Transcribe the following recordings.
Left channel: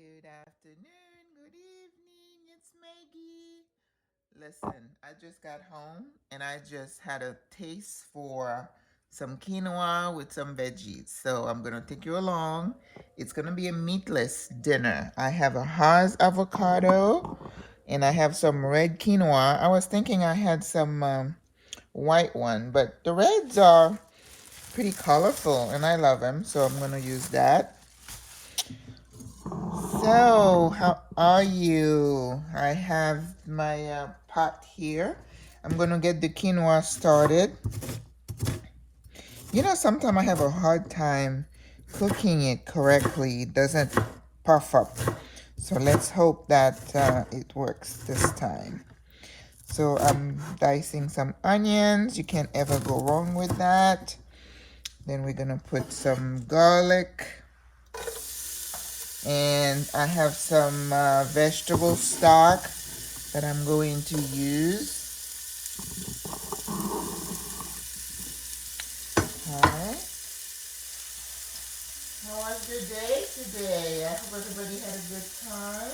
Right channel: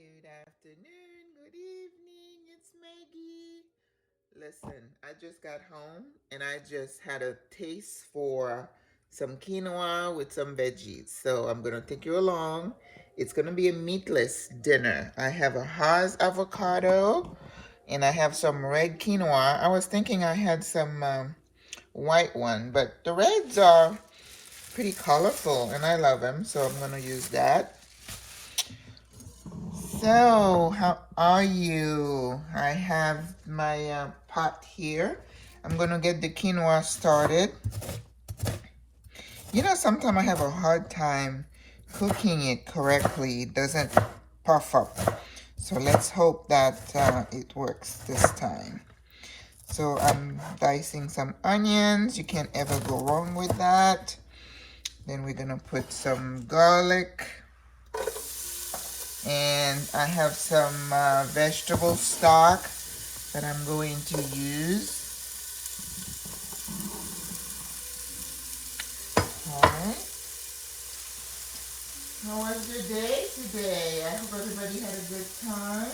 Good afternoon, good evening, it's Maggie. Listen, I just got home and I just had a taste for some quinoa with some veggies. So I'm going to take you along. It's going to be a meatless dinner. I have a Haas avocado and I have some red quinoa. I was thinking I had some white one, but the reds are pretty colorful and I love them. So I'm going to use that. So, how are you? I have my pot here. I'm going to get the quinoa started. You know, sometimes I have a hard time cooking it correctly. It doesn't puff up. So let's hope that it works this time. So I'm dicing some onions. You can't ever go wrong with that. Then we're going to put some garlic. And I have some vegetable stock that I'm going to use. Alright. How was your day today? I hope everybody had a good time.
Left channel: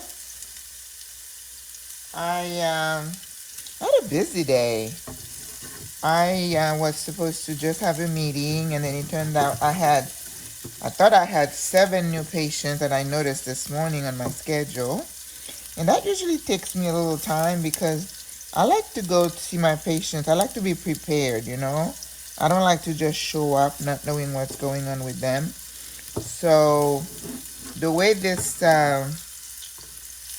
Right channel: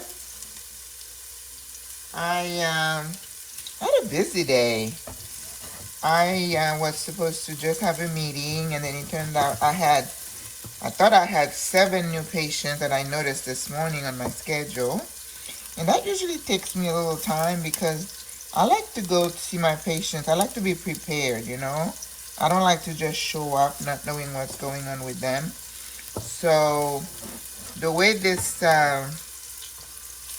I had a busy day. I was supposed to just have a meeting, and then it turned out I thought I had 7 new patients that I noticed this morning on my schedule. And that usually takes me a little time because I like to go see my patients. I like to be prepared, you know. I don't like to just show up not knowing what's going on with them. So the way this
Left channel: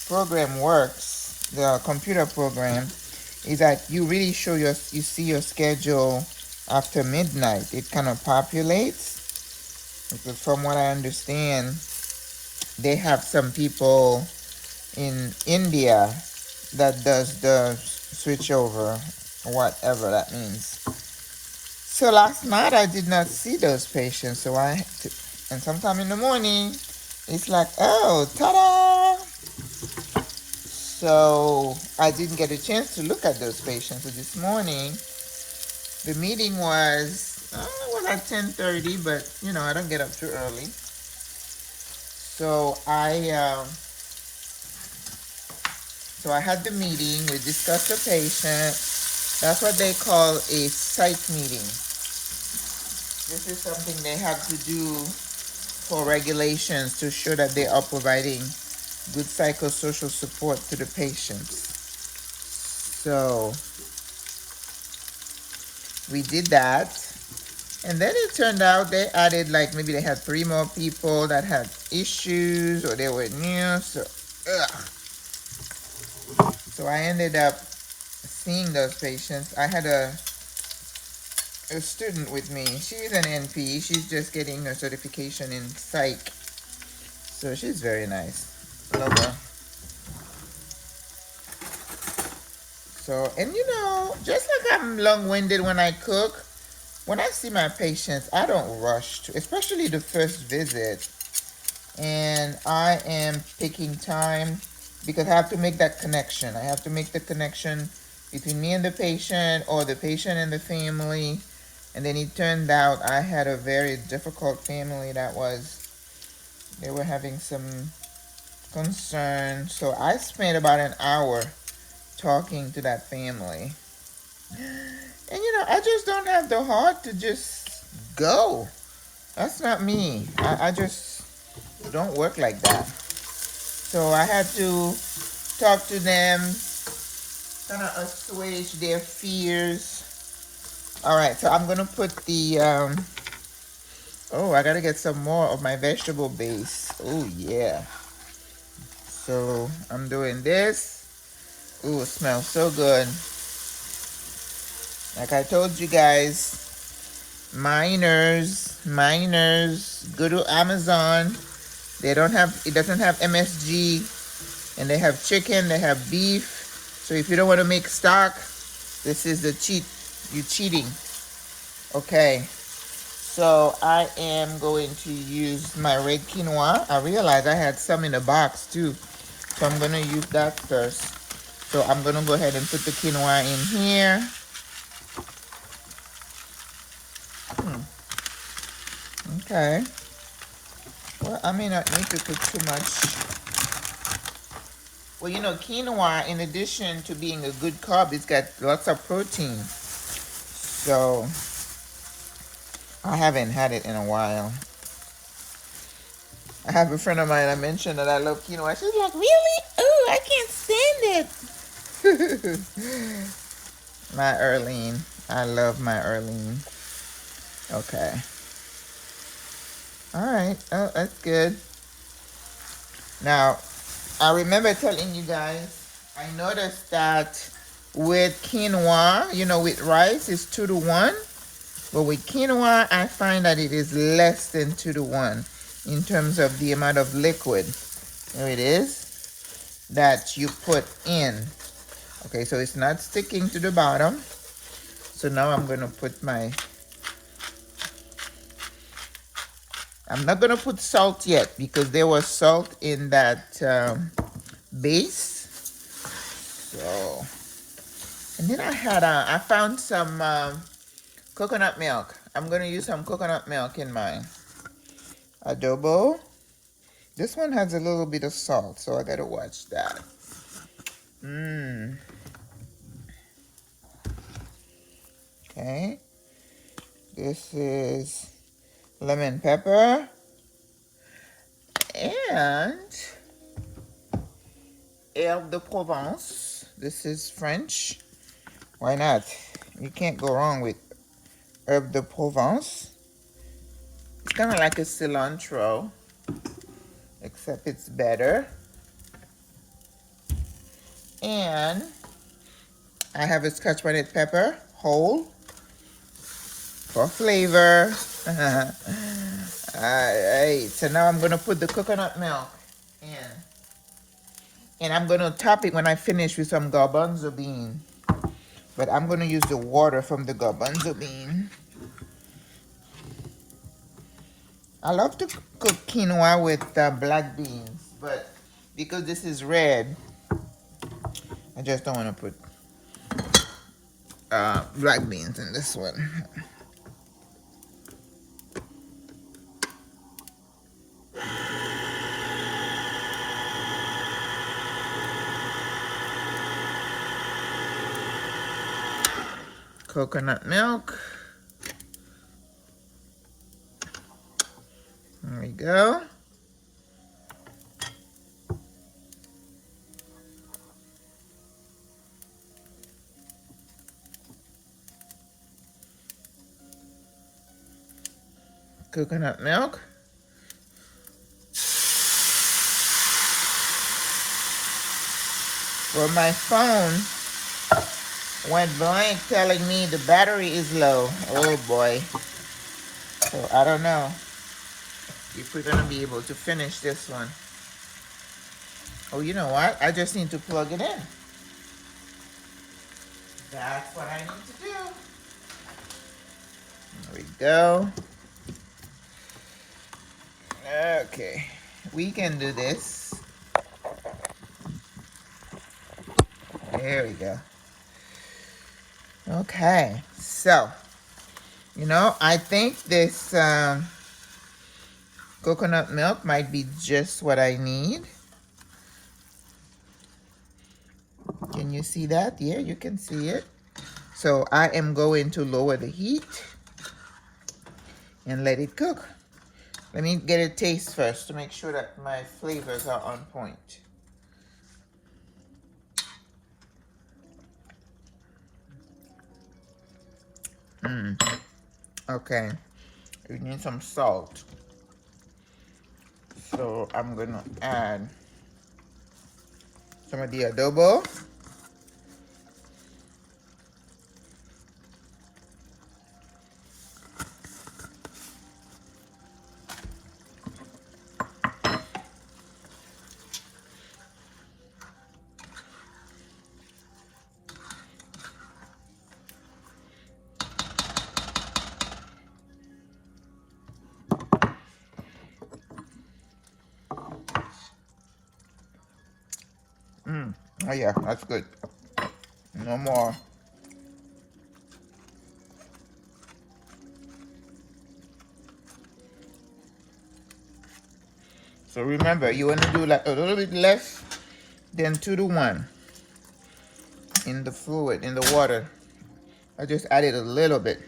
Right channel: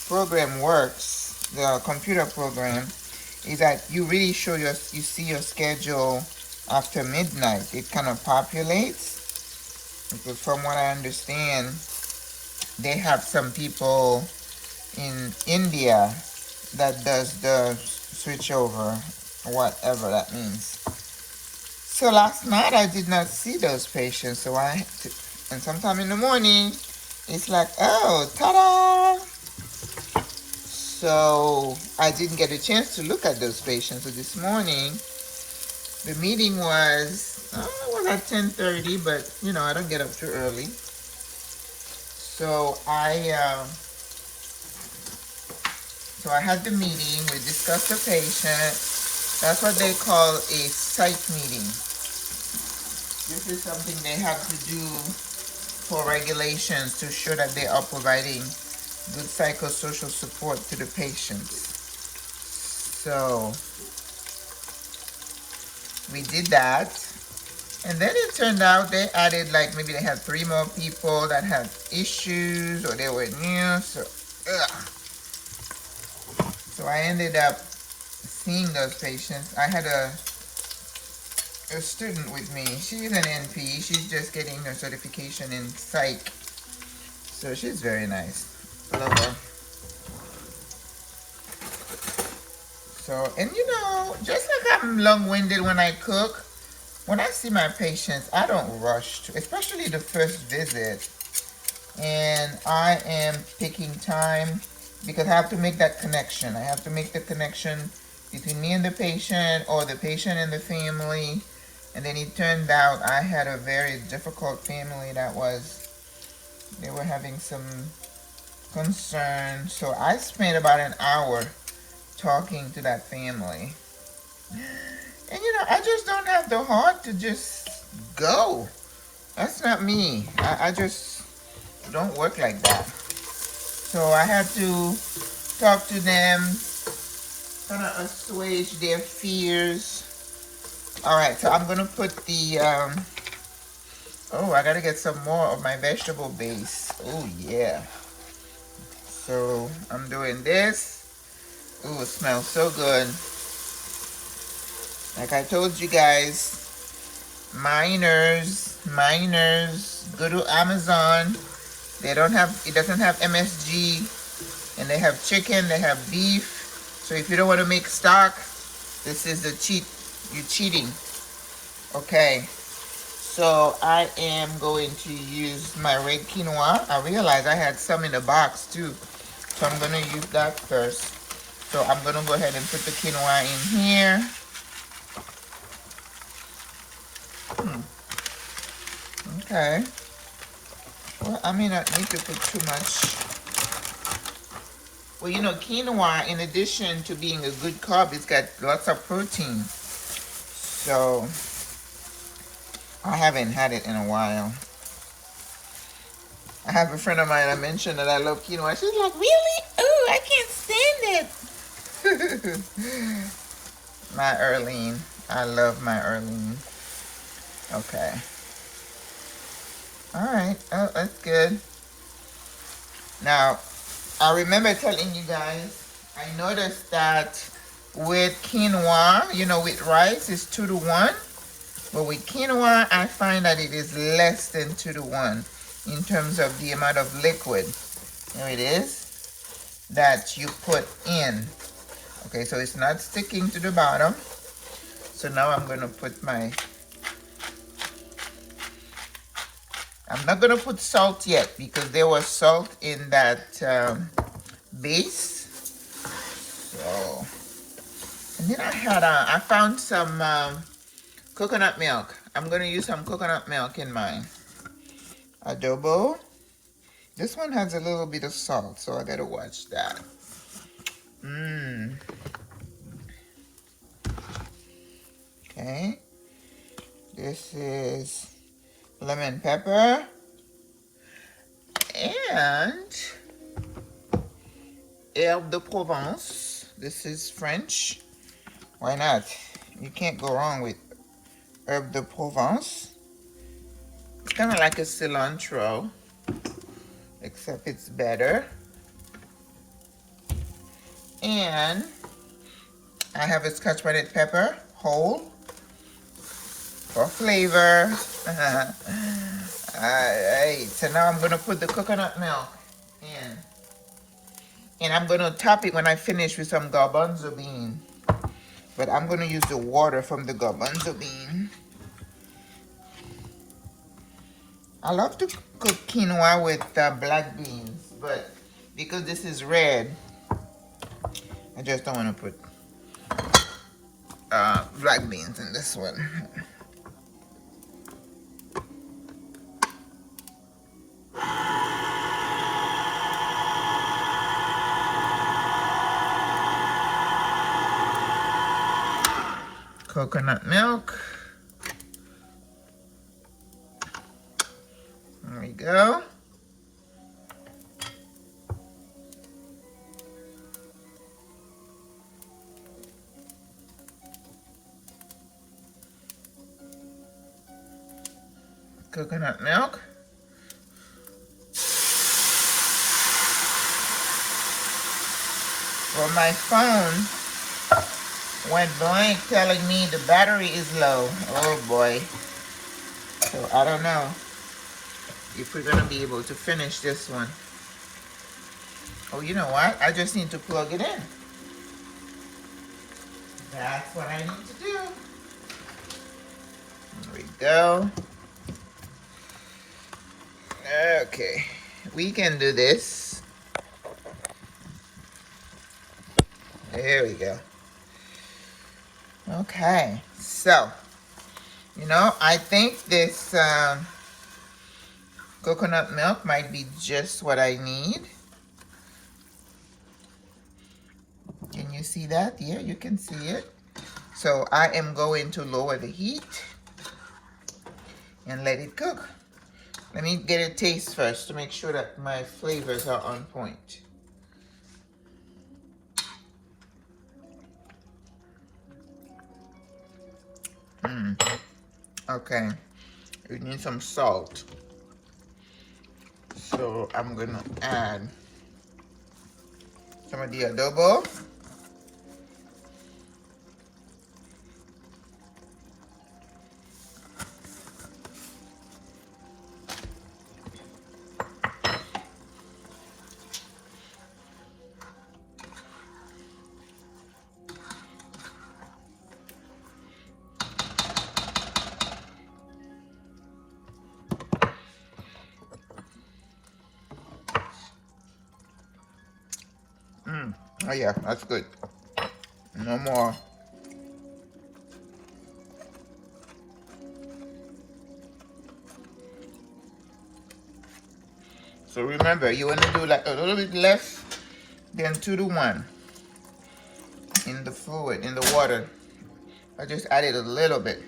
program works, the computer program, is that you really you see your schedule after midnight. It kind of populates. Because from what I understand, they have some people in India that does the switch over, whatever that means. So last night I did not see those patients. And sometime in the morning, it's like, oh, ta-da! So I didn't get a chance to look at those patients. So this morning, the meeting was, I don't know, at 10:30, but you know, I don't get up too early. So I had the meeting. We discussed the patient. That's what they call a psych meeting. This is something they have to do for regulations to show that they are providing good psychosocial support to the patients. So we did that. And then it turned out they added, like, maybe they had 3 more people that had issues or they were new. So I ended up seeing those patients. I had a student with me. She's an NP. She's just getting her certification in psych. So she's very nice. Love her. So, and you know, just like I'm long-winded when I cook, when I see my patients, I don't rush, especially the first visit. And I am picking time because I have to make that connection. I have to make the connection between me and the patient or the patient and the family. And then it turned out I had a very difficult family they were having some concern. So I spent about an hour talking to that family. And you know, I just don't have the heart to just go. That's not me. I just don't work like that. So I had to talk to them, kind of assuage their fears. Alright, so I'm going to put the, I got to get some more of my vegetable base. Oh, yeah. So I'm doing this. Oh, it smells so good. Like I told you guys, miners, go to Amazon. It doesn't have MSG, and they have chicken, they have beef. So if you don't want to make stock, this is the you're cheating. Okay, so I am going to use my red quinoa. I realized I had some in the box too, so I'm going to use that first. So I'm going to go ahead and put the quinoa in here. Okay. Well, I may not need to put too much Well, you know, quinoa, in addition to being a good carb, it's got lots of protein. So I haven't had it in a while. I have a friend of mine, I mentioned that I love quinoa. She's like, really? Oh, I can't stand it. My Erlene. I love my Erlene. Okay. All right. Oh, that's good. Now, I remember telling you guys, I noticed that with quinoa, you know, with rice, it's 2 to 1. But with quinoa, I find that it is less than 2 to 1 in terms of the amount of liquid. There it is, that you put in. Okay, so it's not sticking to the bottom. So now I'm going to put my... I'm not going to put salt yet because there was salt in that base. So, and then I found some coconut milk. I'm going to use some coconut milk in mine. Adobo. This one has a little bit of salt, so I got to watch that. Okay. This is lemon pepper and herbe de Provence. This is French. Why not? You can't go wrong with herbe de Provence. It's kind of like a cilantro, except it's better. And I have a scotch bonnet pepper, whole, for flavor. Alright, so now I'm going to put the coconut milk in. And I'm going to top it when I finish with some garbanzo bean. But I'm going to use the water from the garbanzo bean. I love to cook quinoa with black beans, but because this is red, I just don't want to put black beans in this one. Coconut milk. There we go. Coconut milk. Well, my phone went blank telling me the battery is low. Oh boy. So I don't know if we're going to be able to finish this one. Oh, you know what? I just need to plug it in. That's what I need to do. There we go. Okay. We can do this. There we go. Okay. So, you know, I think this coconut milk might be just what I need. Can you see that? Yeah, you can see it. So I am going to lower the heat and let it cook. Let me get a taste first to make sure that my flavors are on point. Okay, we need some salt. So I'm gonna add some of the adobo. Oh yeah, that's good. No more. So remember, you want to do like a little bit less then 2 to 1 in the fluid, in the water. I just added a little bit.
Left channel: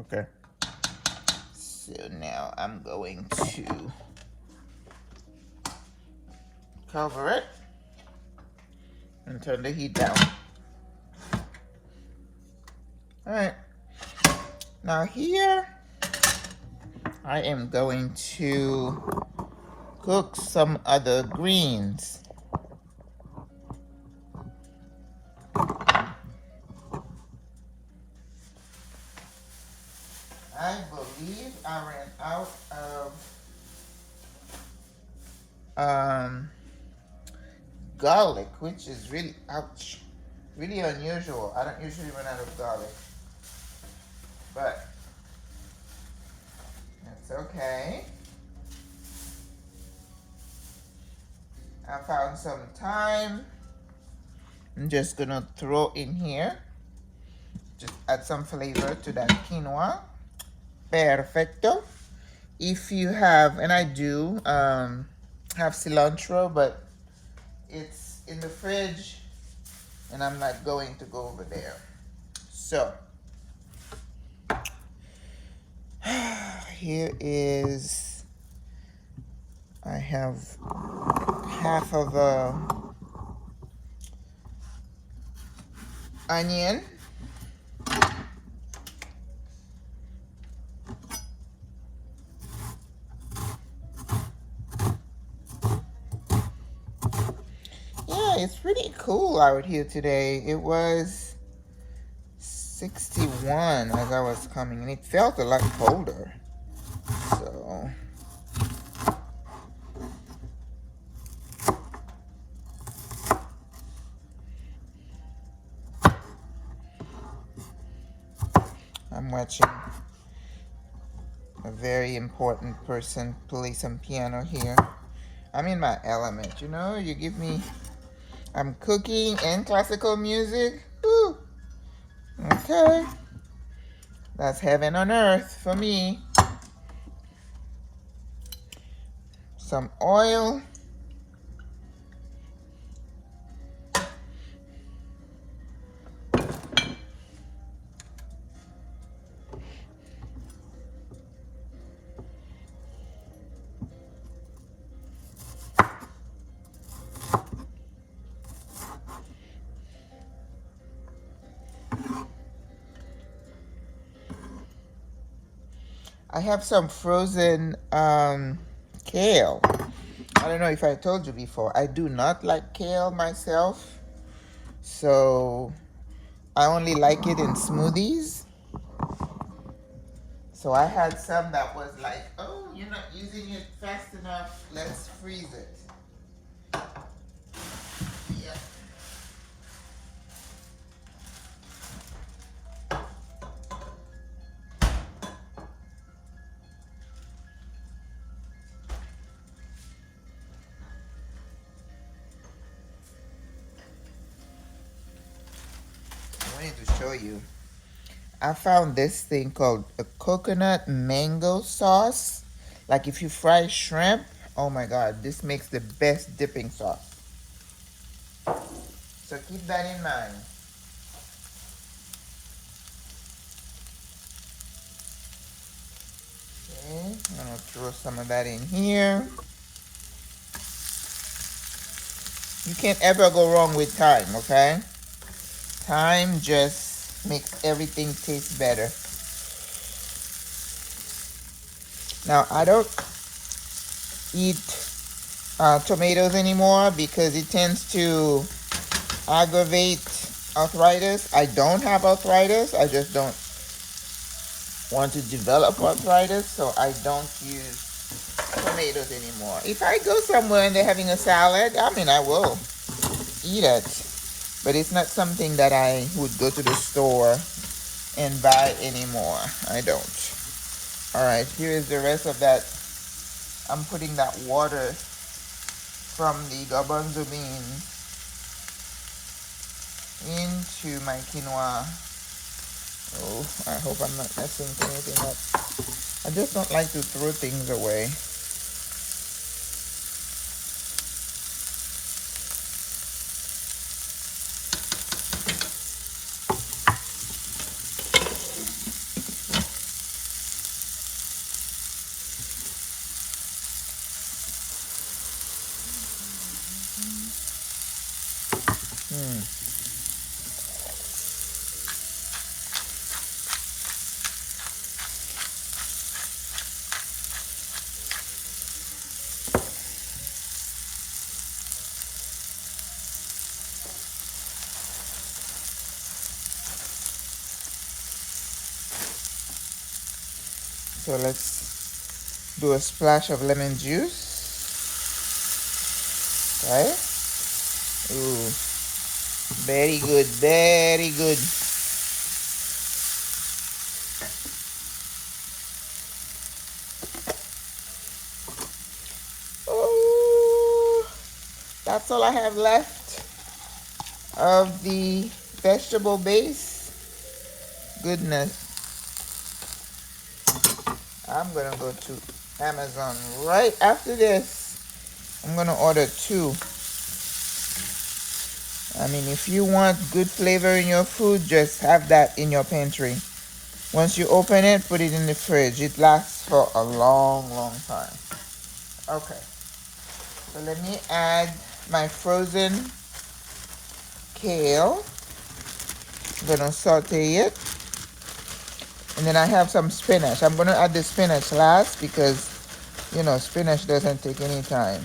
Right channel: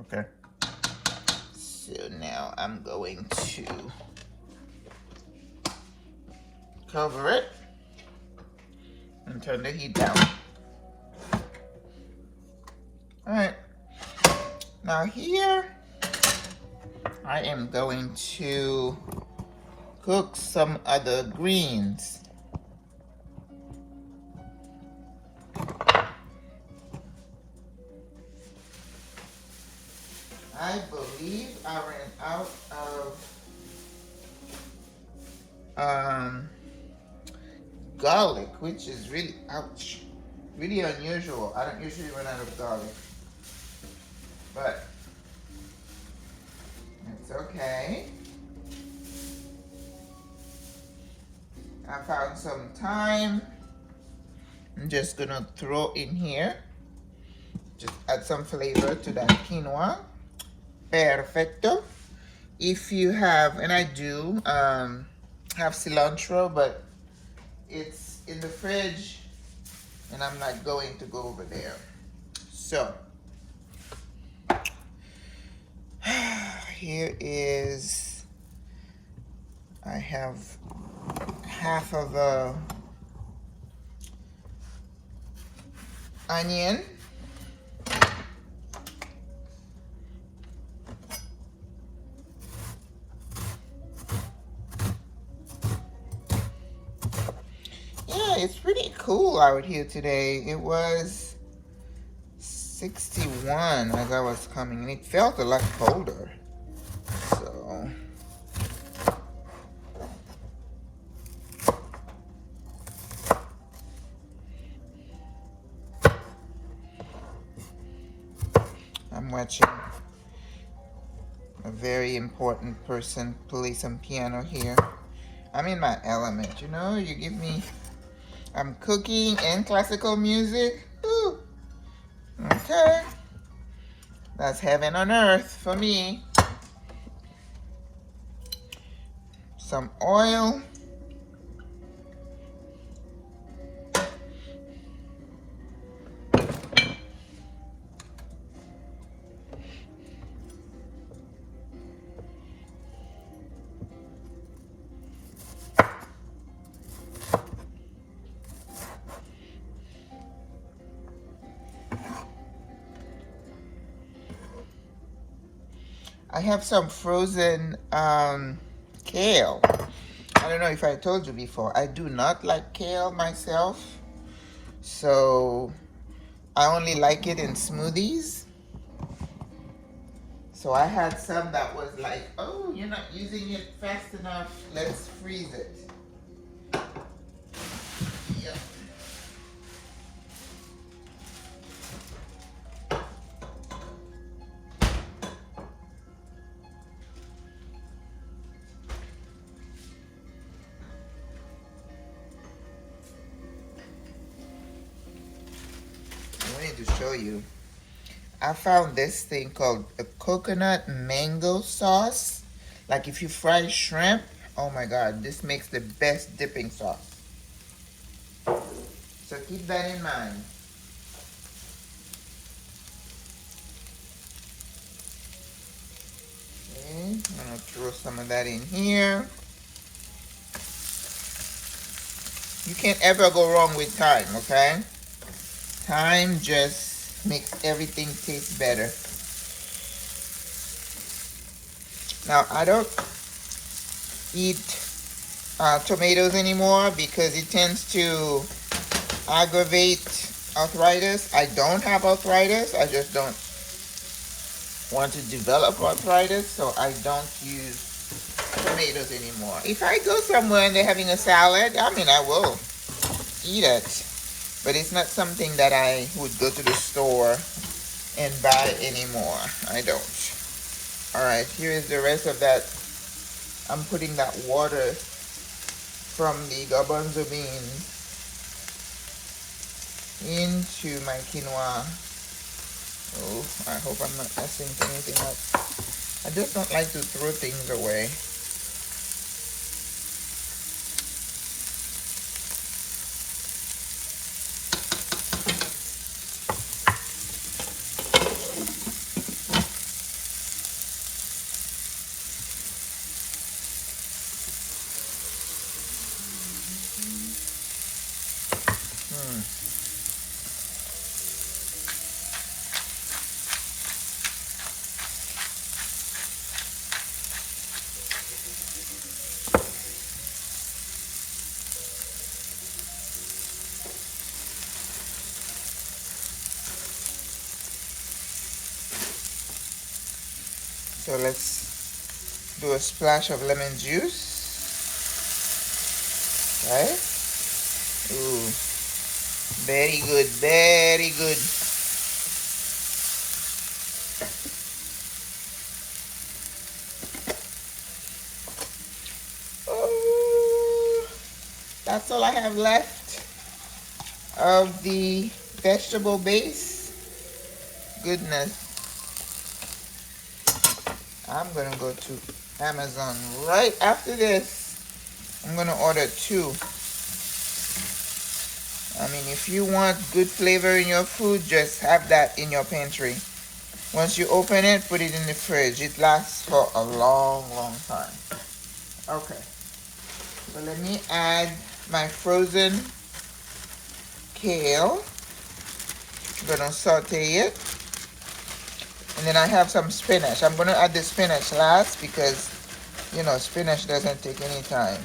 Okay. So now I'm going to cover it and turn the heat down. All right. Now here, I am going to cook some other greens. I believe I ran out of garlic, which is really, ouch, really unusual. I don't usually run out of garlic, but that's okay. I found some thyme. I'm just gonna throw in here, just add some flavor to that quinoa. Perfecto. If you have, and I do have cilantro, but it's in the fridge and I'm not going to go over there. So here is, I have half of a onion. It's pretty cool out here today. It was 61 as I was coming, and it felt a lot colder. So I'm watching a very important person play some piano here. I'm in my element, you know. You give me, I'm cooking and classical music. Woo. Okay. That's heaven on earth for me. Some oil. I have some frozen kale. I don't know if I told you before. I do not like kale myself, so I only like it in smoothies. So I had some that was like, oh, you're not using it fast enough, let's freeze it. Yep. To show you, I found this thing called a coconut mango sauce. Like if you fry shrimp, oh my god, this makes the best dipping sauce. So keep that in mind. Okay, I'm gonna throw some of that in here. You can't ever go wrong with thyme, okay? Thyme just makes everything taste better. Now, I don't eat tomatoes anymore because it tends to aggravate arthritis. I don't have arthritis. I just don't want to develop arthritis, so I don't use tomatoes anymore. If I go somewhere and they're having a salad, I mean, I will eat it. But it's not something that I would go to the store and buy anymore. I don't. All right, here is the rest of that. I'm putting that water from the garbanzo beans into my quinoa. Oh, I hope I'm not messing anything up. I just don't like to throw things away. So let's do a splash of lemon juice, right? Ooh, very good, very good. Oh, that's all I have left of the vegetable base. Goodness. I'm gonna go to Amazon right after this. I'm gonna order 2. I mean, if you want good flavor in your food, just have that in your pantry. Once you open it, put it in the fridge. It lasts for a long, long time. Okay. So let me add my frozen kale. I'm gonna saute it. And then I have some spinach. I'm gonna add the spinach last because, you know, spinach doesn't take any time.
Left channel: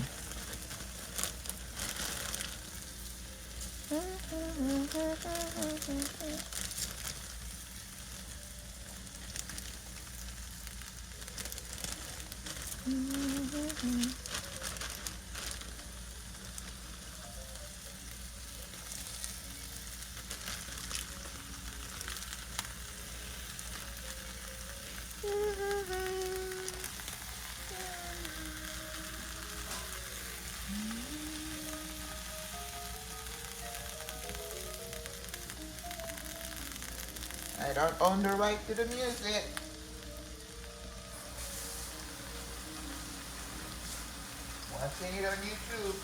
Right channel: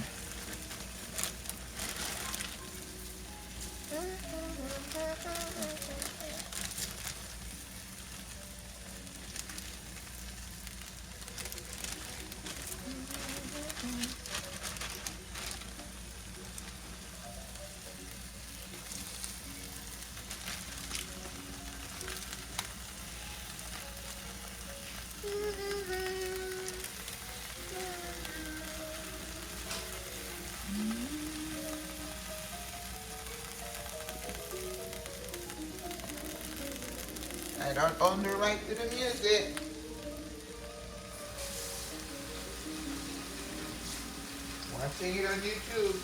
I don't own the right to the music. I'm seeing it on YouTube.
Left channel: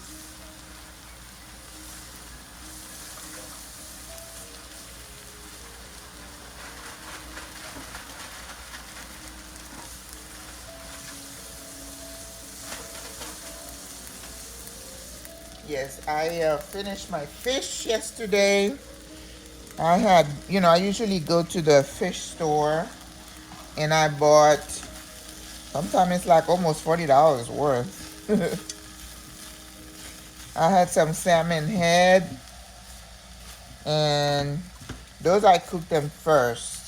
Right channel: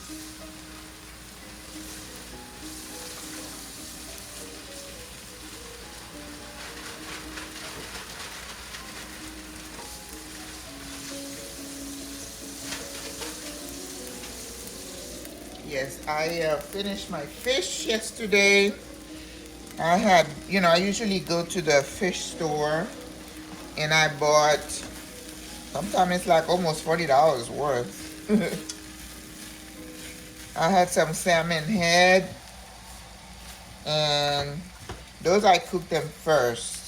Yes, I finished my fish yesterday. I had, you know, I usually go to the fish store and I bought, sometimes it's like almost $40 worth. I had some salmon head and those I cooked them first.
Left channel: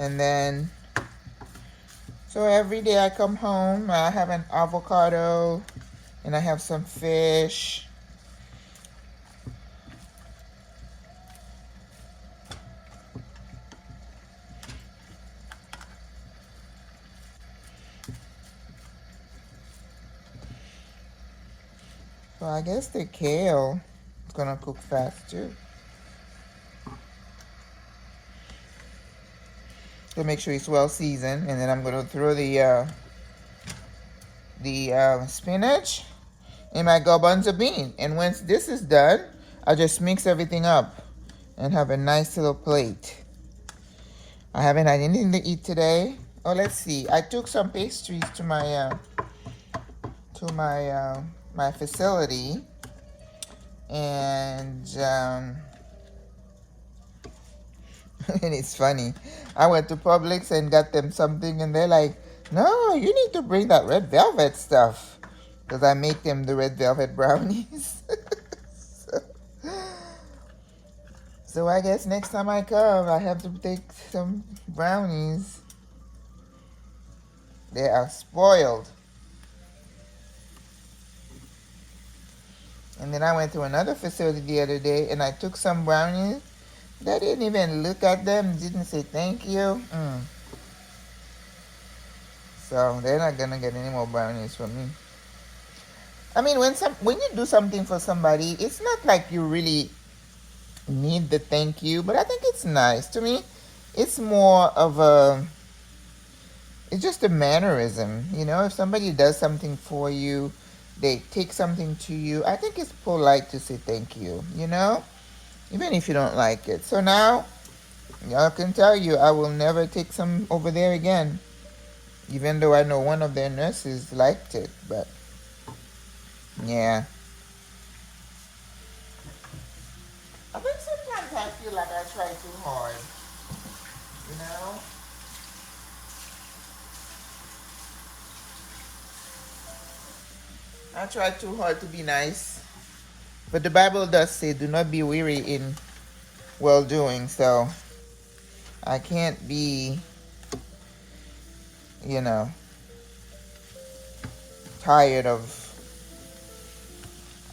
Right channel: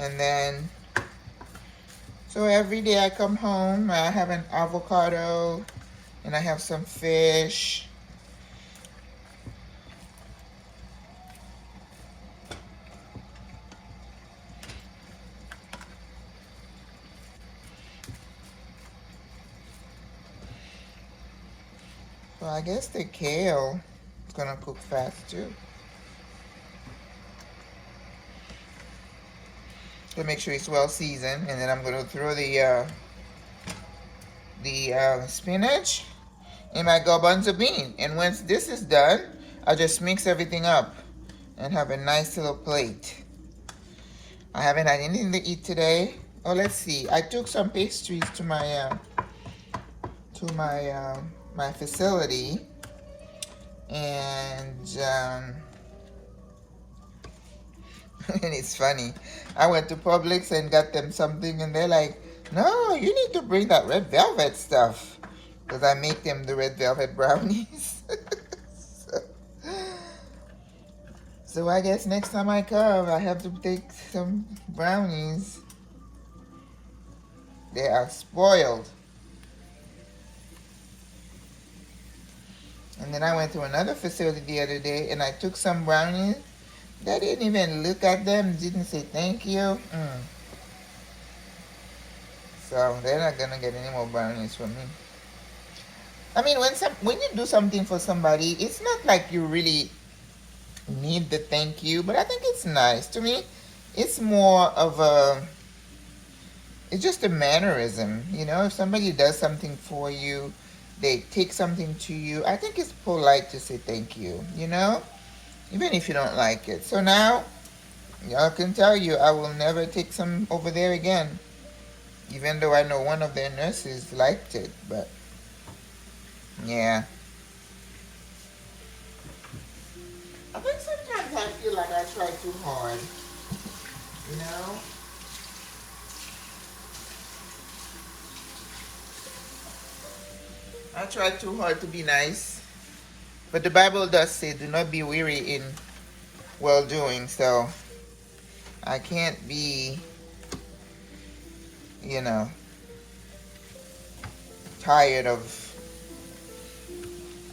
And then, so every day I come home, I have an avocado and I have some fish. Well, I guess the kale is gonna cook fast too. To make sure it's well seasoned, and then I'm gonna throw the spinach in my garbanzo bean. And once this is done, I'll just mix everything up and have a nice little plate. I haven't had anything to eat today. Oh, let's see. I took some pastries to my my facility, and and it's funny. I went to Publix and got them something, and they're like, "No, you need to bring that red velvet stuff," because I make them the red velvet brownies. So I guess next time I come, I have to take some brownies. They are spoiled. And then I went to another facility the other day and I took some brownies. They didn't even look at them, didn't say thank you. So they're not gonna get any more brownies from me. I mean, when you do something for somebody, it's not like you really need the thank you, but I think it's nice. To me, it's more of a, it's just a mannerism. You know, if somebody does something for you, they take something to you, I think it's polite to say thank you, you know, even if you don't like it. So now, y'all can tell you, I will never take some over there again, even though I know one of their nurses liked it, but yeah. I think sometimes I feel like I try too hard, you know? I try too hard to be nice. But the Bible does say, do not be weary in well doing. So I can't be, you know, tired of.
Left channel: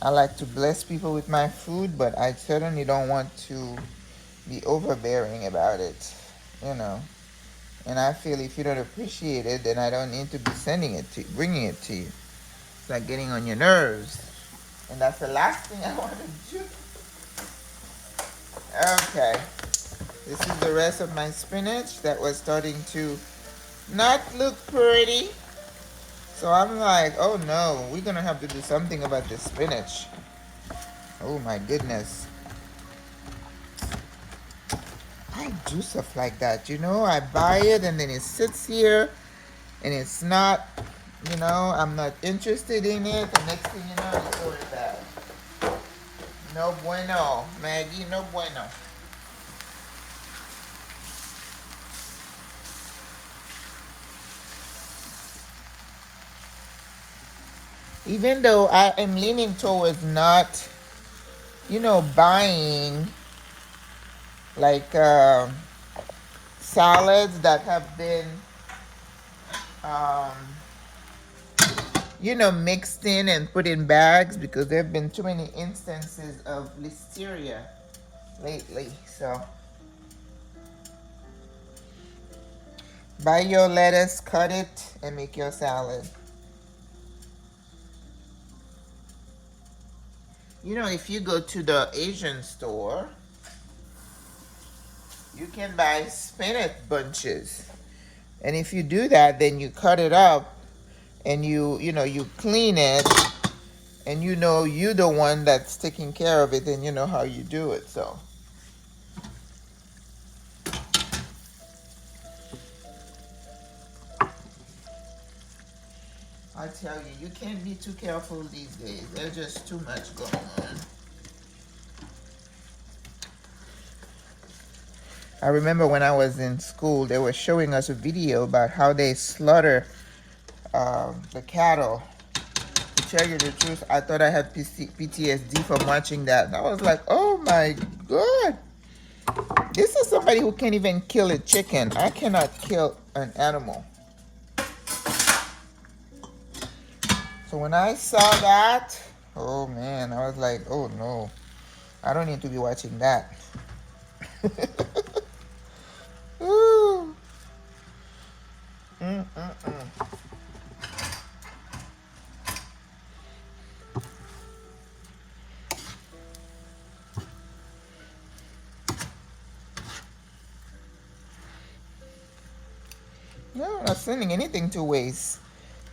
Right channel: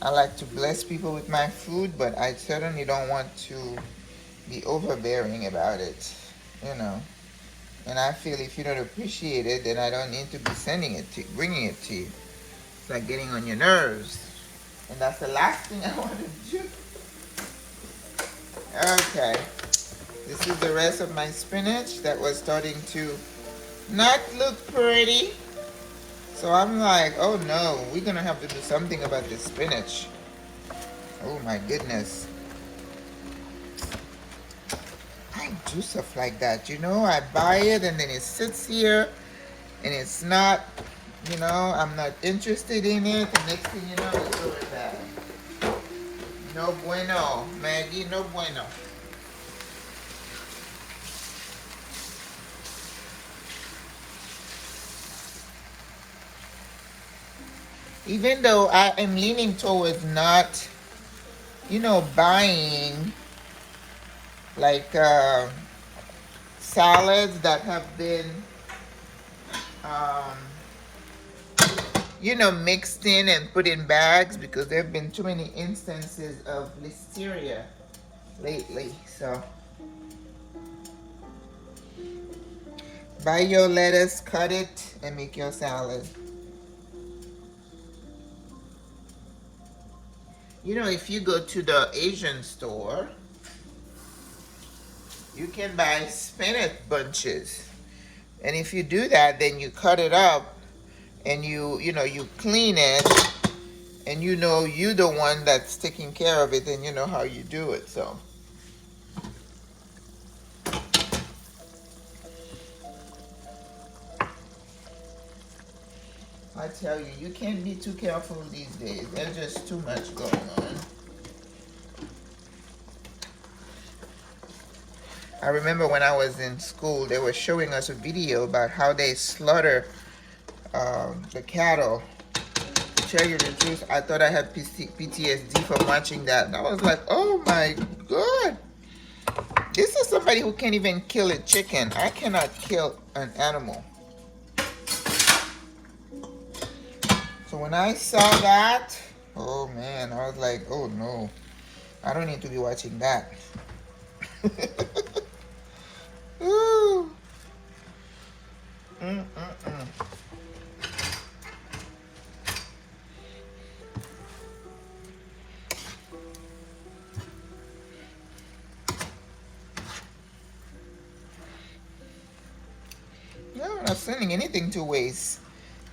I like to bless people with my food, but I certainly don't want to be overbearing about it, you know. And I feel if you don't appreciate it, then I don't need to be sending it to you, bringing it to you. It's like getting on your nerves. And that's the last thing I want to do. Okay. This is the rest of my spinach that was starting to not look pretty. So I'm like, oh no, we're going to have to do something about this spinach. Oh my goodness. I do stuff like that, you know. I buy it and then it sits here and it's not, you know, I'm not interested in it. The next thing you know, it's like that. No bueno, Maggie, no bueno. Even though I am leaning towards not, you know, buying like salads that have been, you know, mixed in and put in bags, because there have been too many instances of listeria lately. So buy your lettuce, cut it, and make your salad. You know, if you go to the Asian store, you can buy spinach bunches. And if you do that, then you cut it up and you know, you clean it, and you know you're the one that's taking care of it, and you know how you do it. So I tell you, you can't be too careful these days. There's just too much going on. I remember when I was in school, they were showing us a video about how they slaughter the cattle. To tell you the truth, I thought I had PTSD from watching that. And I was like, oh my God. This is somebody who can't even kill a chicken. I cannot kill an animal. So when I saw that, oh man, I was like, oh no, I don't need to be watching that. Ooh. No, I'm not sending anything to waste.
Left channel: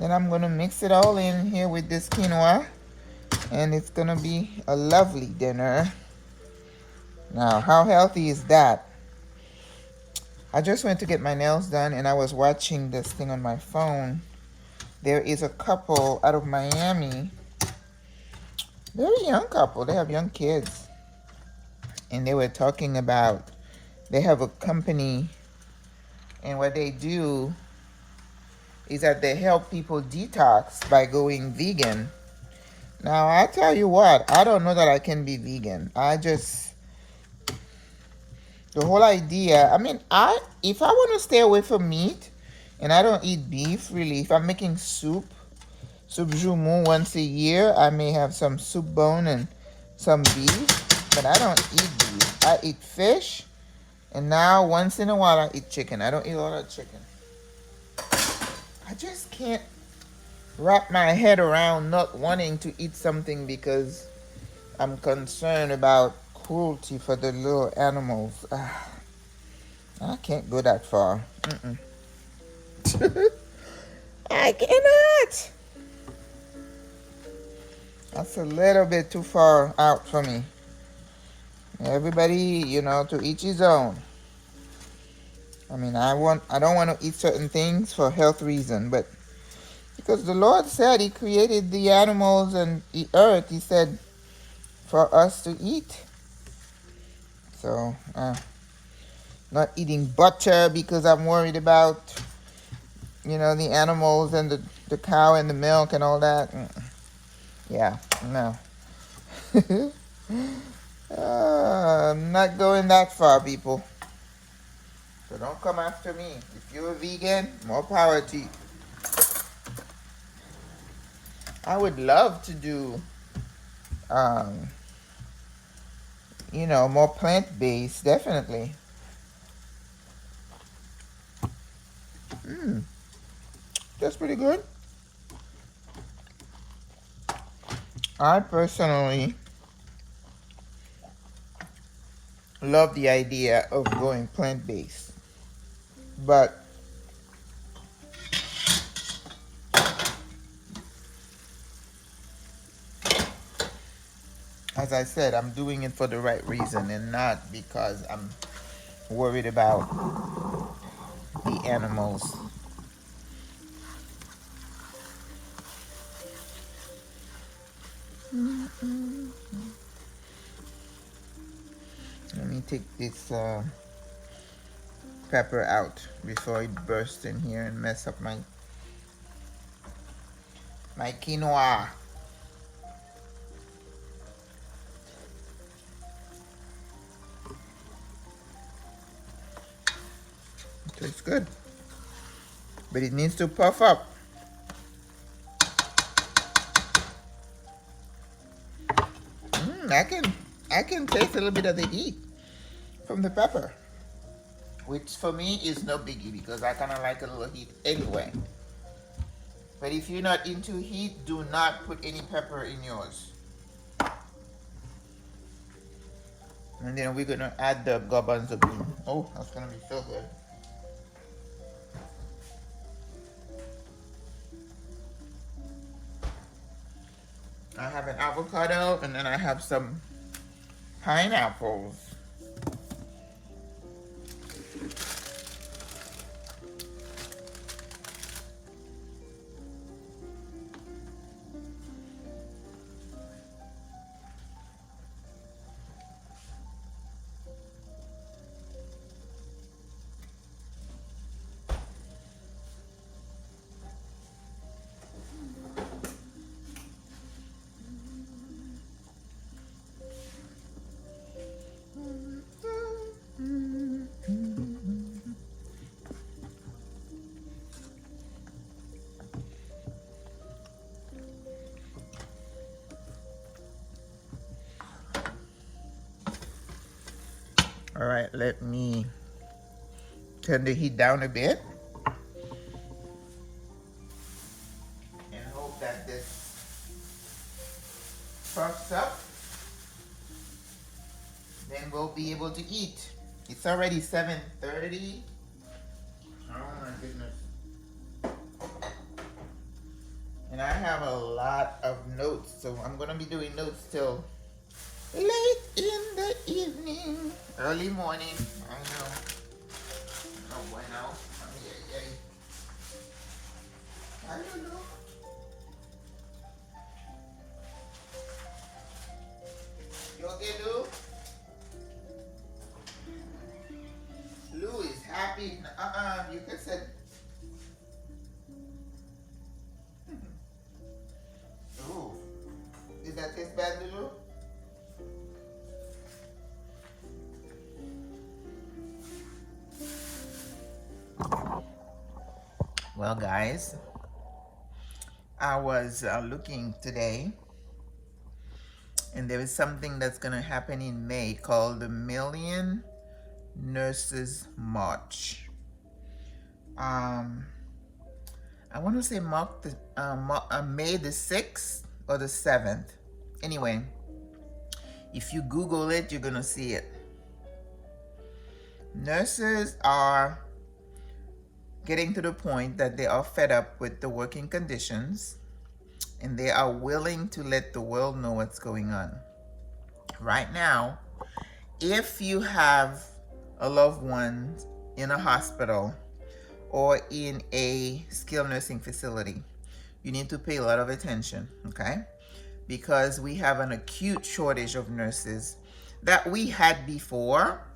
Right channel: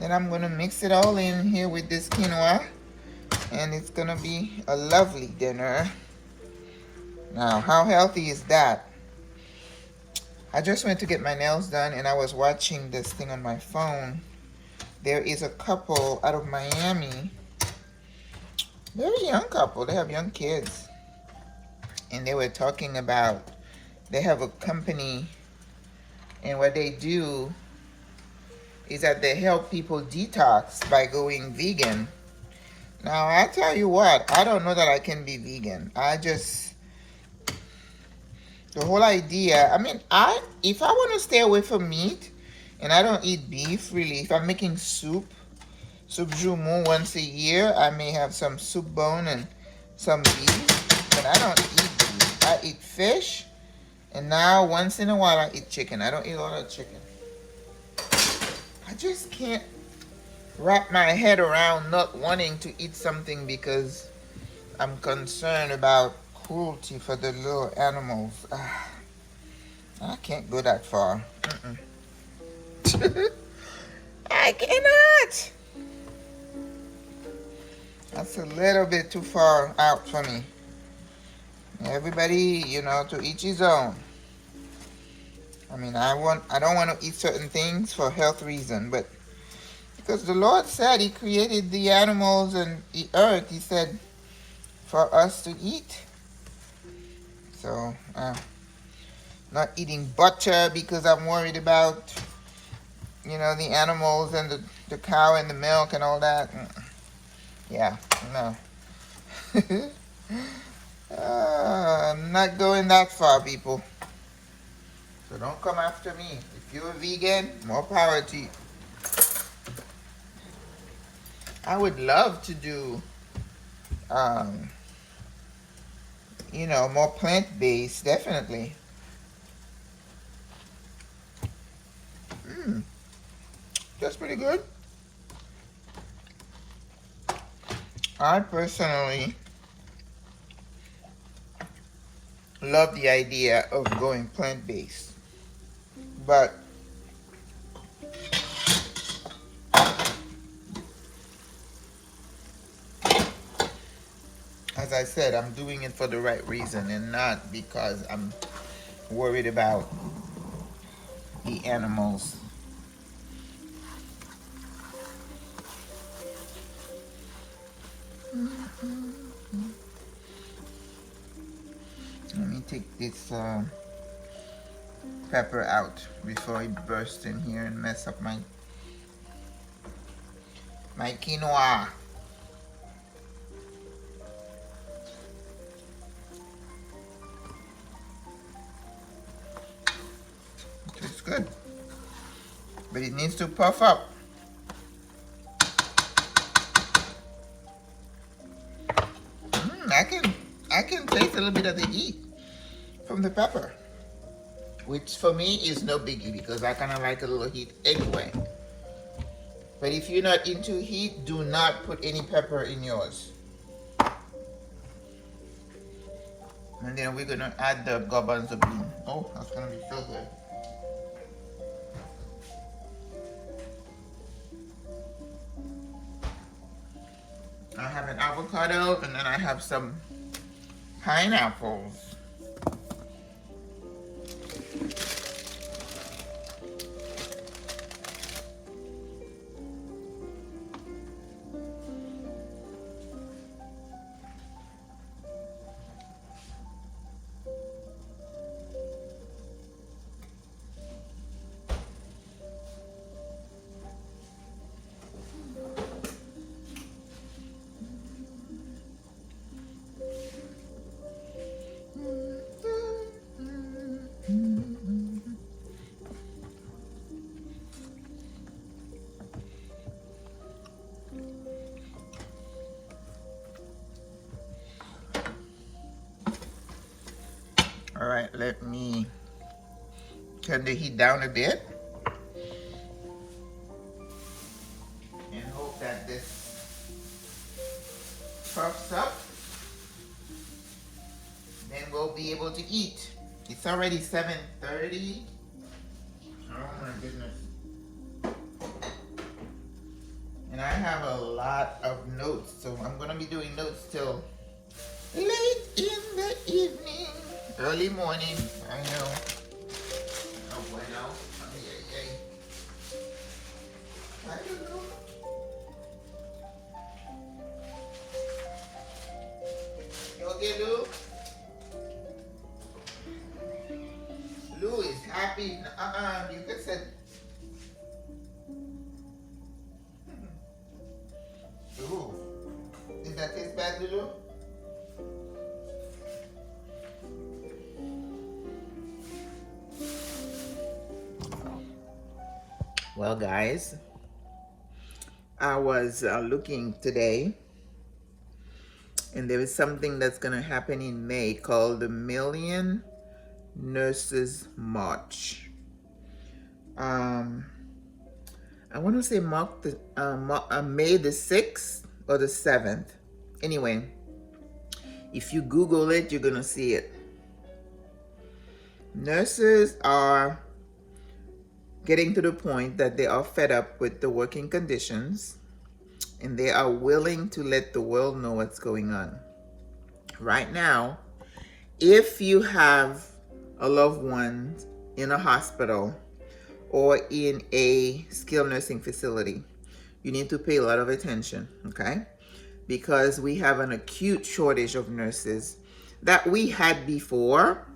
Then I'm gonna mix it all in here with this quinoa, and it's gonna be a lovely dinner. Now, how healthy is that? I just went to get my nails done, and I was watching this thing on my phone. There is a couple out of Miami. They're a young couple. They have young kids. And they were talking about, they have a company, and what they do is that they help people detox by going vegan. Now, I tell you what, I don't know that I can be vegan. The whole idea, I mean, if I want to stay away from meat, and I don't eat beef, really, if I'm making soup joumou once a year, I may have some soup bone and some beef, but I don't eat beef. I eat fish, and now once in a while I eat chicken. I don't eat a lot of chicken. I just can't wrap my head around not wanting to eat something because I'm concerned about cruelty for the little animals. I can't go that far. I cannot. That's a little bit too far out for me. Everybody, to each his own. I mean, I don't want to eat certain things for health reason, but because the Lord said He created the animals and the earth, He said for us to eat. So, not eating butter because I'm worried about, the animals and the cow and the milk and all that. Yeah, no. I'm not going that far, people. So don't come after me. If you're a vegan, more power to you. I would love to do, more plant-based, definitely. That's pretty good. I personally love the idea of going plant-based, but as I said, I'm doing it for the right reason and not because I'm worried about the animals. Let me take this pepper out before it bursts in here and mess up my quinoa. Tastes good, but it needs to puff up. I can taste a little bit of the heat from the pepper, which for me is no biggie because I kind of like a little heat anyway. But if you're not into heat, do not put any pepper in yours. And then we're gonna add the garbanzo bean. Oh, that's gonna be so good. I have an avocado and then I have some pineapples. All right, let me turn the heat down a bit and hope that this puffs up. Then we'll be able to eat. It's already 7:30. Oh my goodness. And I have a lot of notes, so I'm gonna be doing notes till late in the evening, early morning. I know. Oh, bueno. I don't know. You okay, Lou? Lou is happy. You can say. Ooh. Did that taste bad, Lulu? Well, guys, I was looking today, and there is something that's going to happen in May called the Million Nurses March. I want to say May the 6th or the 7th. Anyway, if you Google it, you're going to see it. Nurses are getting to the point that they are fed up with the working conditions, and they are willing to let the world know what's going on. Right now, if you have a loved one in a hospital or in a skilled nursing facility, you need to pay a lot of attention, okay? Because we have an acute shortage of nurses that we had before,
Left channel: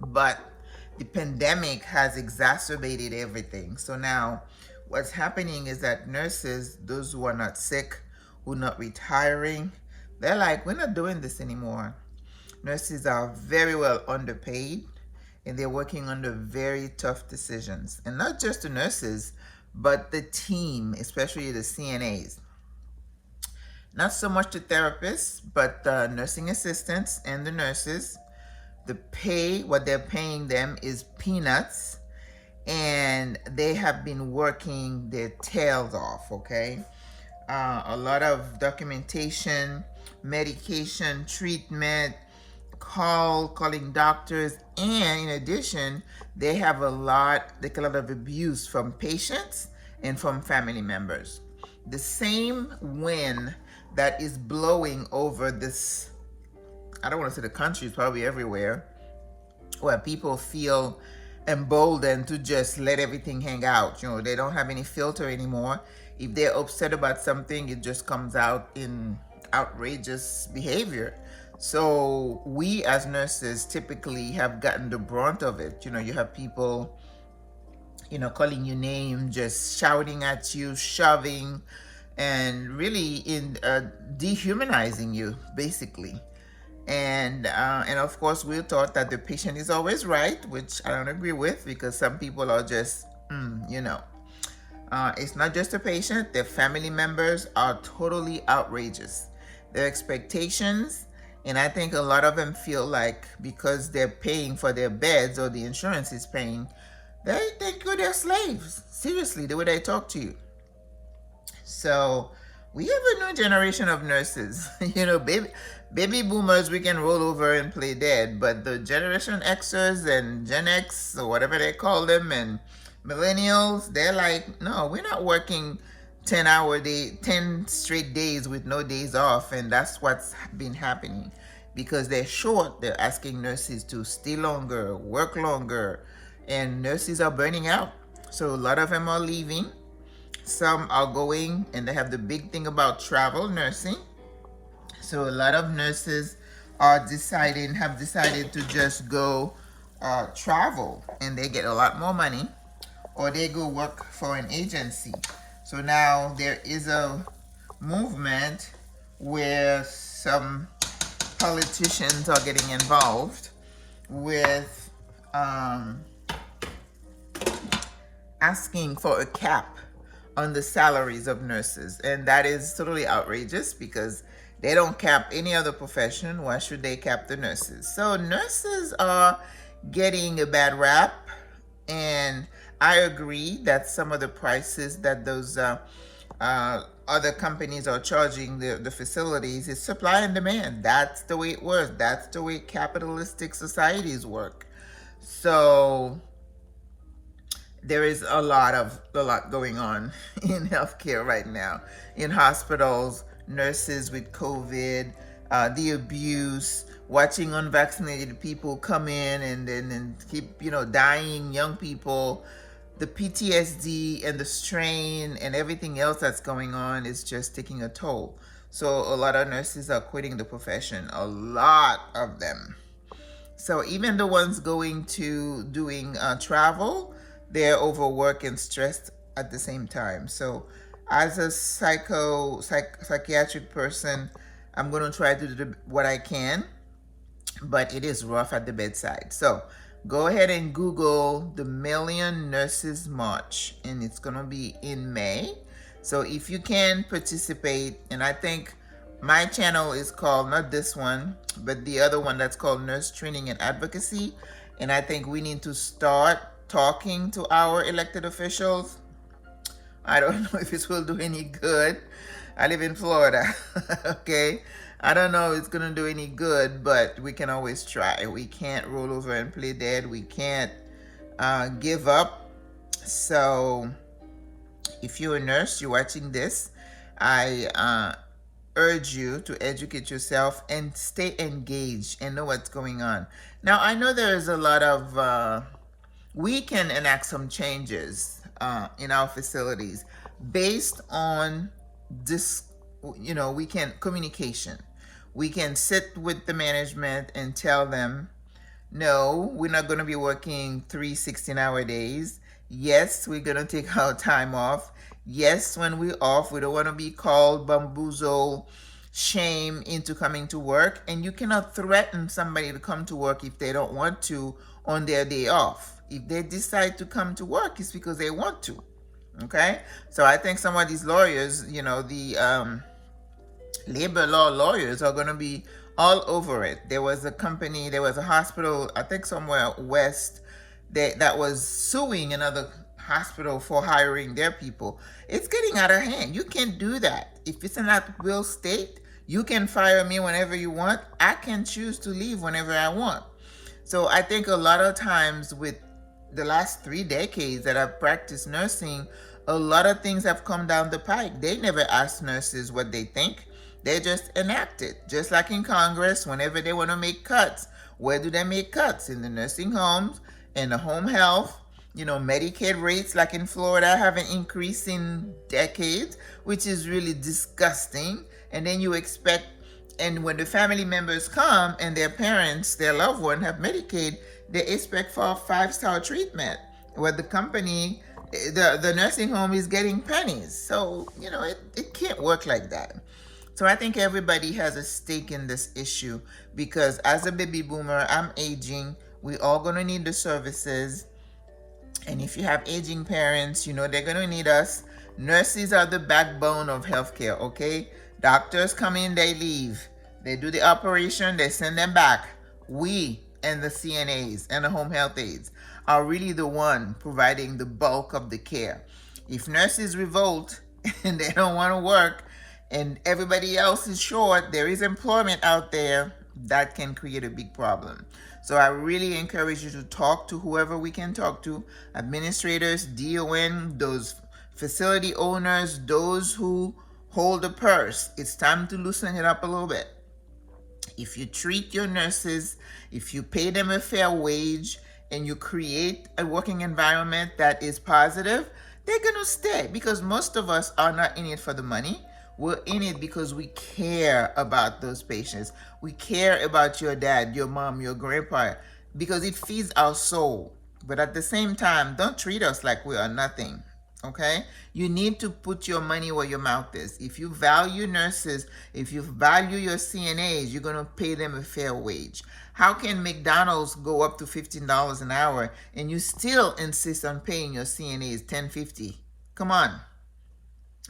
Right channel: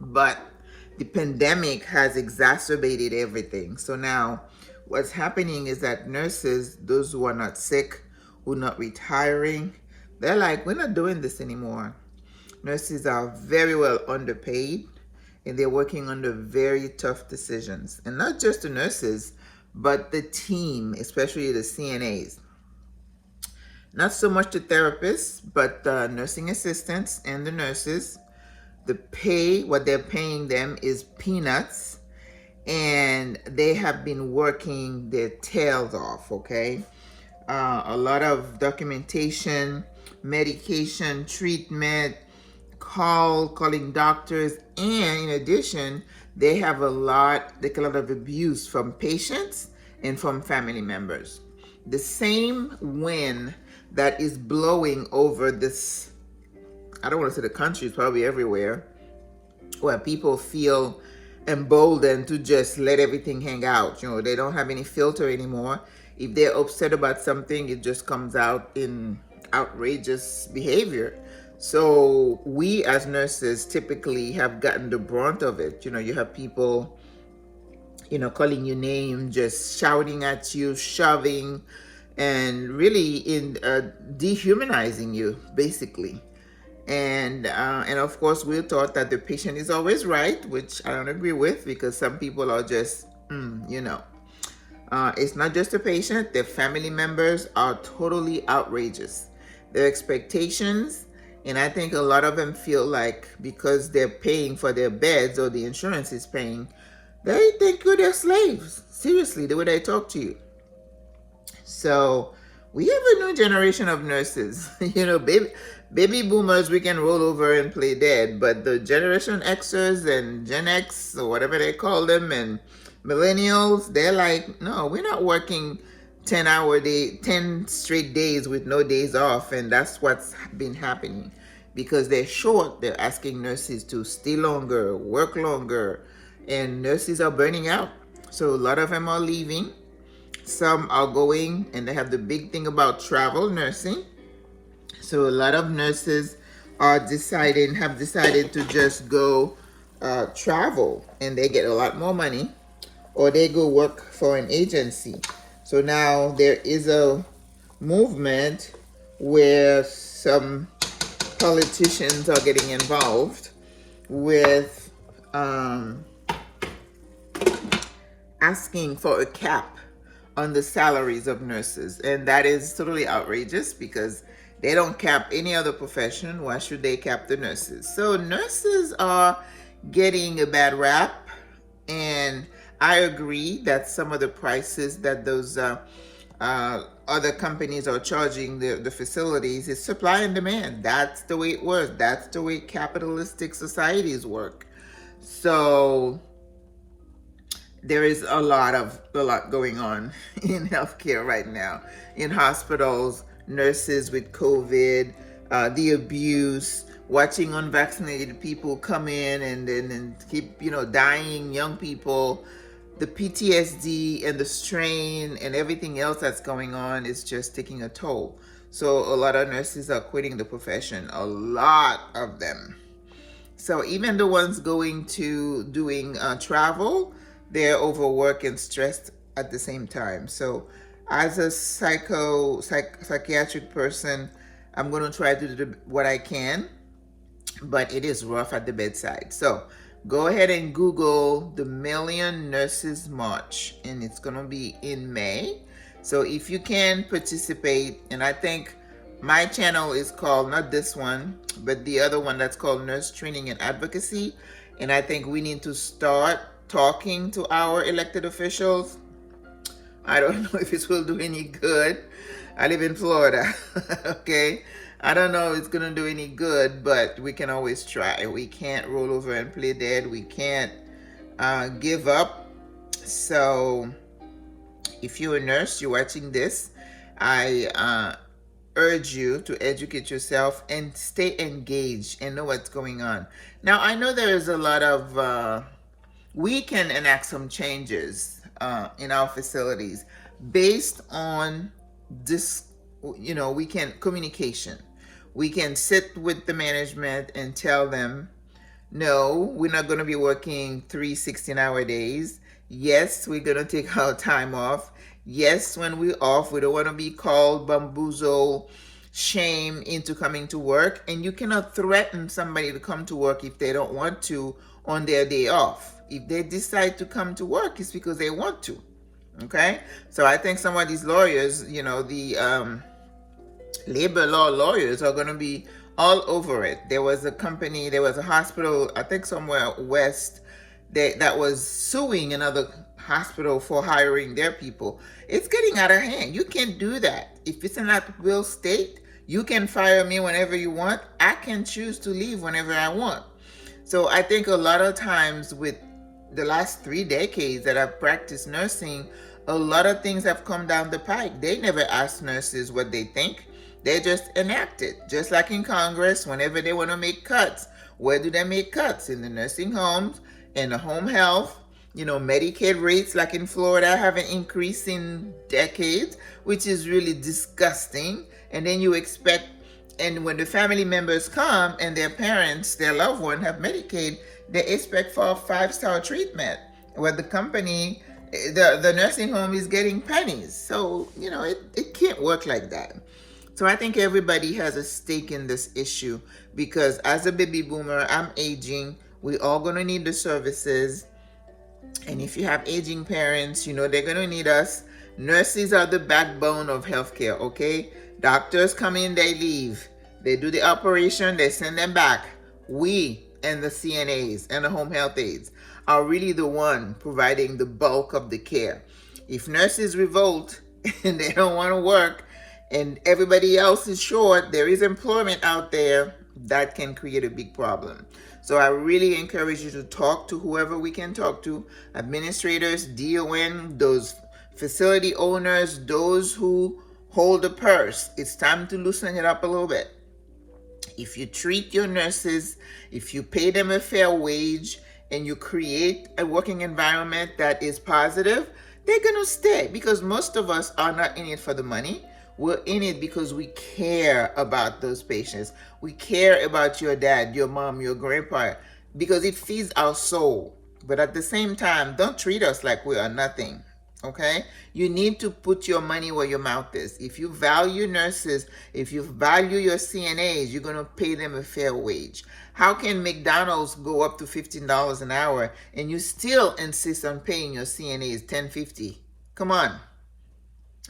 but the pandemic has exacerbated everything. So now what's happening is that nurses, those who are not sick, who are not retiring, they're like, we're not doing this anymore. Nurses are very well underpaid, and they're working under very tough decisions. And not just the nurses, but the team, especially the CNAs. Not so much the therapists, but the nursing assistants and the nurses. The pay, what they're paying them is peanuts, and they have been working their tails off, okay? A lot of documentation, medication, treatment, calling doctors, and in addition, they have a lot of abuse from patients and from family members. The same wind that is blowing over this, I don't want to say the country, it's probably everywhere, where people feel emboldened to just let everything hang out. You know, they don't have any filter anymore. If they're upset about something, it just comes out in outrageous behavior. So we as nurses typically have gotten the brunt of it. You know, you have people, you know, calling you names, just shouting at you, shoving, and really dehumanizing you, basically. And of course, we're taught that the patient is always right, which I don't agree with, because some people are just, you know. It's not just the patient, their family members are totally outrageous. Their expectations, and I think a lot of them feel like because they're paying for their beds or the insurance is paying, they think you're their slaves. Seriously, the way they talk to you. So we have a new generation of nurses. You know, baby boomers, we can roll over and play dead, but the Generation Xers and Gen X, or whatever they call them, and millennials, they're like, no, we're not working 10 straight days with no days off. And that's what's been happening, because they're short. They're asking nurses to stay longer, work longer, and nurses are burning out. So a lot of them are leaving. Some are going, and they have the big thing about travel nursing. So a lot of nurses have decided to just go travel, and they get a lot more money, or they go work for an agency. So now there is a movement where some politicians are getting involved with asking for a cap on the salaries of nurses. And that is totally outrageous, because they don't cap any other profession. Why should they cap the nurses? So nurses are getting a bad rap, and I agree that some of the prices that those other companies are charging the facilities is supply and demand. That's the way it works. That's the way capitalistic societies work. So there is a lot going on in healthcare right now, in hospitals, nurses with COVID, the abuse, watching unvaccinated people come in and keep, you know, dying, young people. The PTSD and the strain and everything else that's going on is just taking a toll. So a lot of nurses are quitting the profession, a lot of them. So even the ones going to doing travel, they're overworked and stressed at the same time. So as a psychiatric person, I'm going to try to do what I can, but it is rough at the bedside. So go ahead and Google the Million Nurses March, and it's going to be in May. So if you can participate, and I think my channel is called, not this one, but the other one that's called Nurse Training and Advocacy. And I think we need to start talking to our elected officials I don't know if it will do any good. I live in Florida, okay? I don't know if it's gonna do any good, but we can always try. We can't roll over and play dead. We can't give up. So if you're a nurse, you're watching this, I urge you to educate yourself and stay engaged and know what's going on. Now, I know there is a lot of, we can enact some changes in our facilities based on this, we can, communication. We can sit with the management and tell them, no, we're not going to be working 3 16-hour days. Yes, we're going to take our time off. Yes, when we're off, we don't want to be called bamboozle, shame into coming to work. And you cannot threaten somebody to come to work if they don't want to on their day off. If they decide to come to work, it's because they want to. Okay? So I think some of these lawyers, the labor law lawyers are going to be all over it. There was a company, there was a hospital, I think somewhere west, that was suing another hospital for hiring their people. It's getting out of hand. You can't do that. If it's an at-will state, you can fire me whenever you want. I can choose to leave whenever I want. So I think a lot of times with the last 3 decades that I've practiced nursing, a lot of things have come down the pike. They never ask nurses what they think. They just enact it. Just like in Congress, whenever they want to make cuts, where do they make cuts? In the nursing homes, in the home health. Medicaid rates, like in Florida, haven't increased in decades, which is really disgusting. And then you expect, and when the family members come and their parents, their loved one have Medicaid, they expect for a 5-star treatment, where the company, the nursing home is getting pennies. So, it can't work like that. So I think everybody has a stake in this issue, because as a baby boomer, I'm aging. We're all going to need the services. And if you have aging parents, they're going to need us. Nurses are the backbone of healthcare, okay? Doctors come in, they leave. They do the operation, they send them back. We and the CNAs and the home health aides are really the one providing the bulk of the care. If nurses revolt and they don't want to work and everybody else is short, there is employment out there that can create a big problem. So I really encourage you to talk to whoever we can talk to, administrators, DON, those facility owners, those who hold the purse. It's time to loosen it up a little bit. If you treat your nurses, if you pay them a fair wage, and you create a working environment that is positive, they're going to stay, because most of us are not in it for the money. We're in it because we care about those patients. We care about your dad, your mom, your grandpa, because it feeds our soul. But at the same time, don't treat us like we are nothing, okay? You need to put your money where your mouth is. If you value nurses, if you value your CNAs, you're going to pay them a fair wage. How can McDonald's go up to $15 an hour and you still insist on paying your CNAs $10.50? Come on.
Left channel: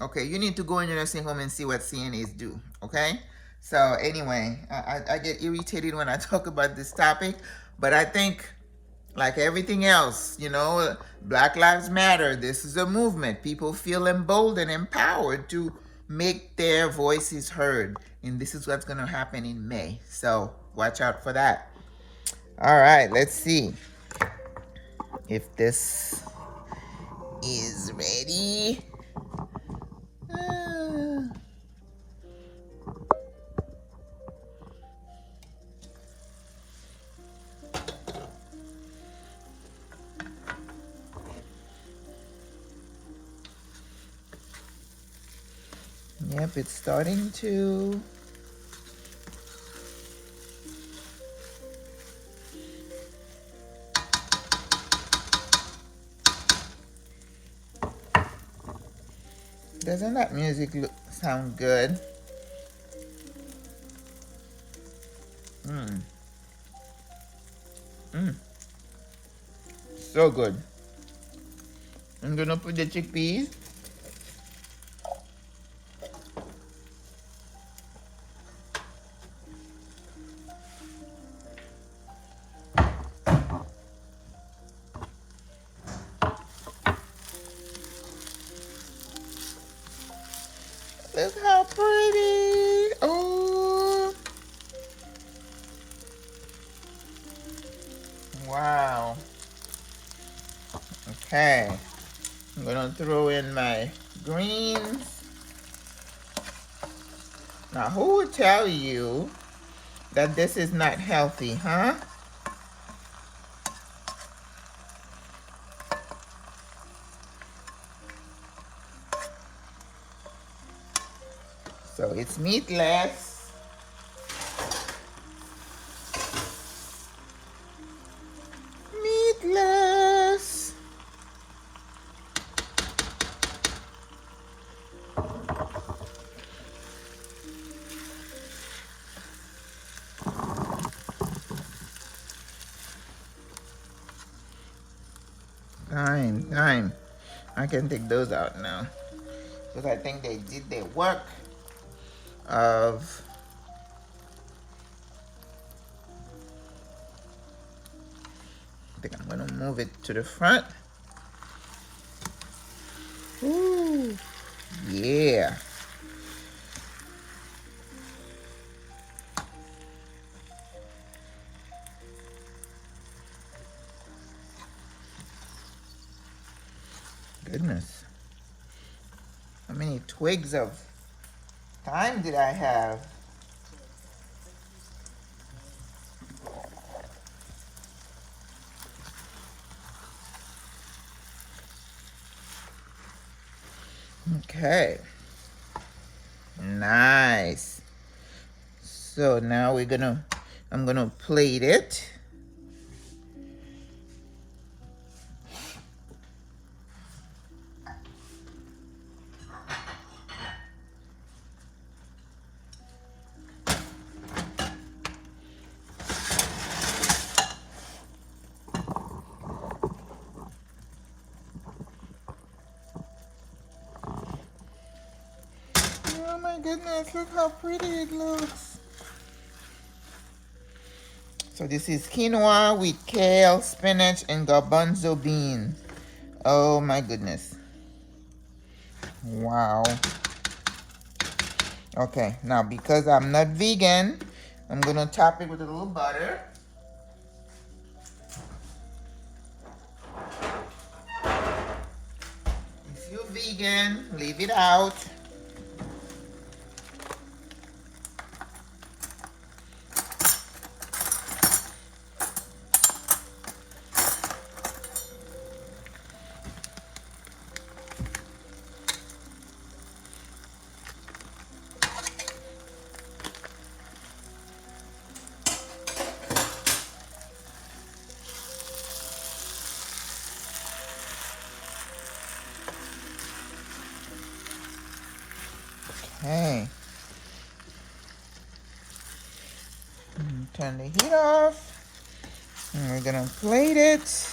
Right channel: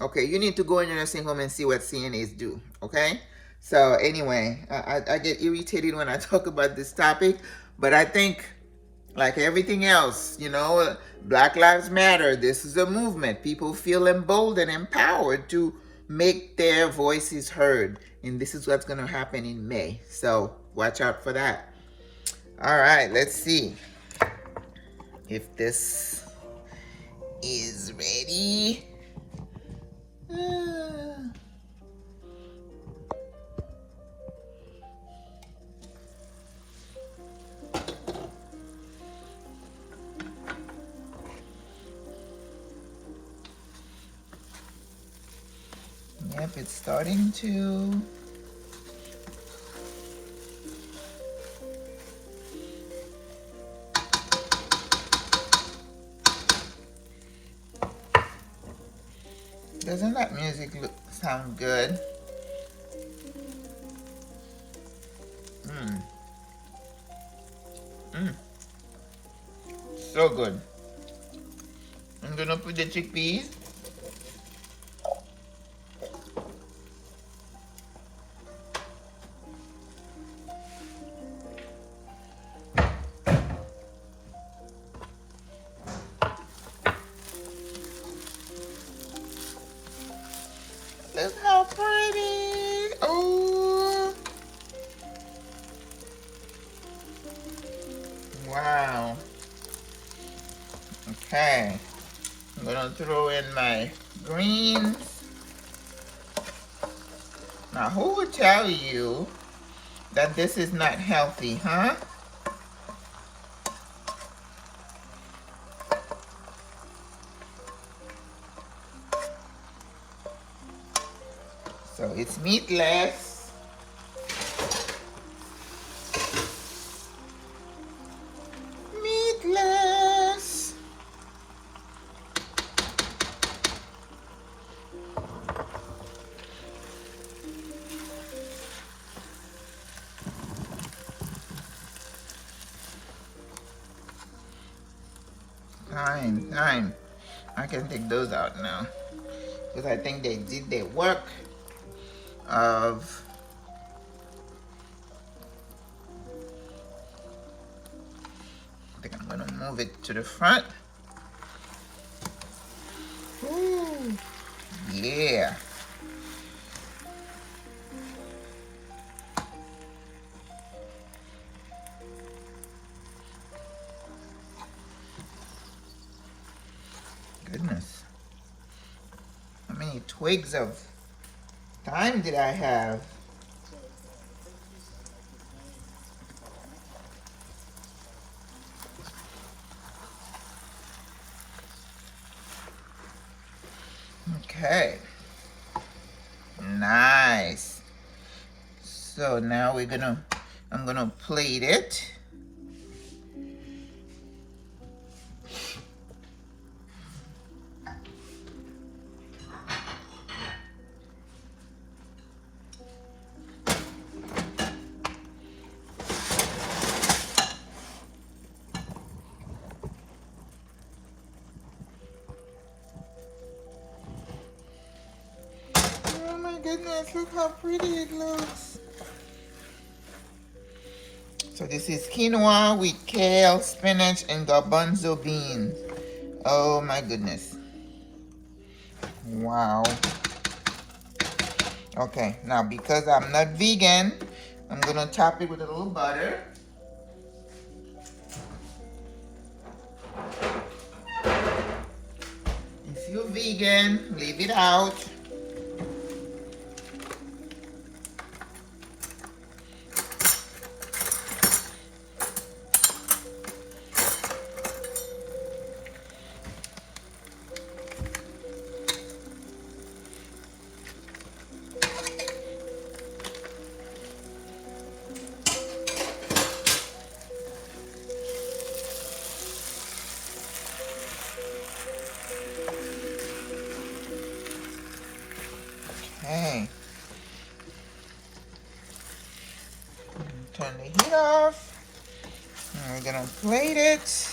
Okay, you need to go in your nursing home and see what CNAs do, okay? So anyway, I get irritated when I talk about this topic, but I think, like everything else, Black Lives Matter, this is a movement. People feel emboldened, empowered to make their voices heard, and this is what's going to happen in May. So watch out for that. All right, let's see if this is ready. Yep, it's starting to. Doesn't that music sound good? So good. I'm gonna put the chickpeas. Look how pretty. Oh. Wow. Okay. I'm gonna throw in my greens. Now, who would tell you that this is not healthy, huh? So it's meatless. Meatless. Fine. I can take those out now. Because I think they did their work of I think I'm gonna move it to the front. Ooh, yeah. Goodness. How many twigs of thyme did I have? Okay. Nice. So now I'm gonna plate it. Oh my goodness, look how pretty it looks. So this is quinoa with kale, spinach, and garbanzo beans. Oh my goodness. Wow. Okay, now because I'm not vegan, I'm gonna top it with a little butter. If you're vegan, leave it out. Okay. Turn the heat off. And we're gonna plate it.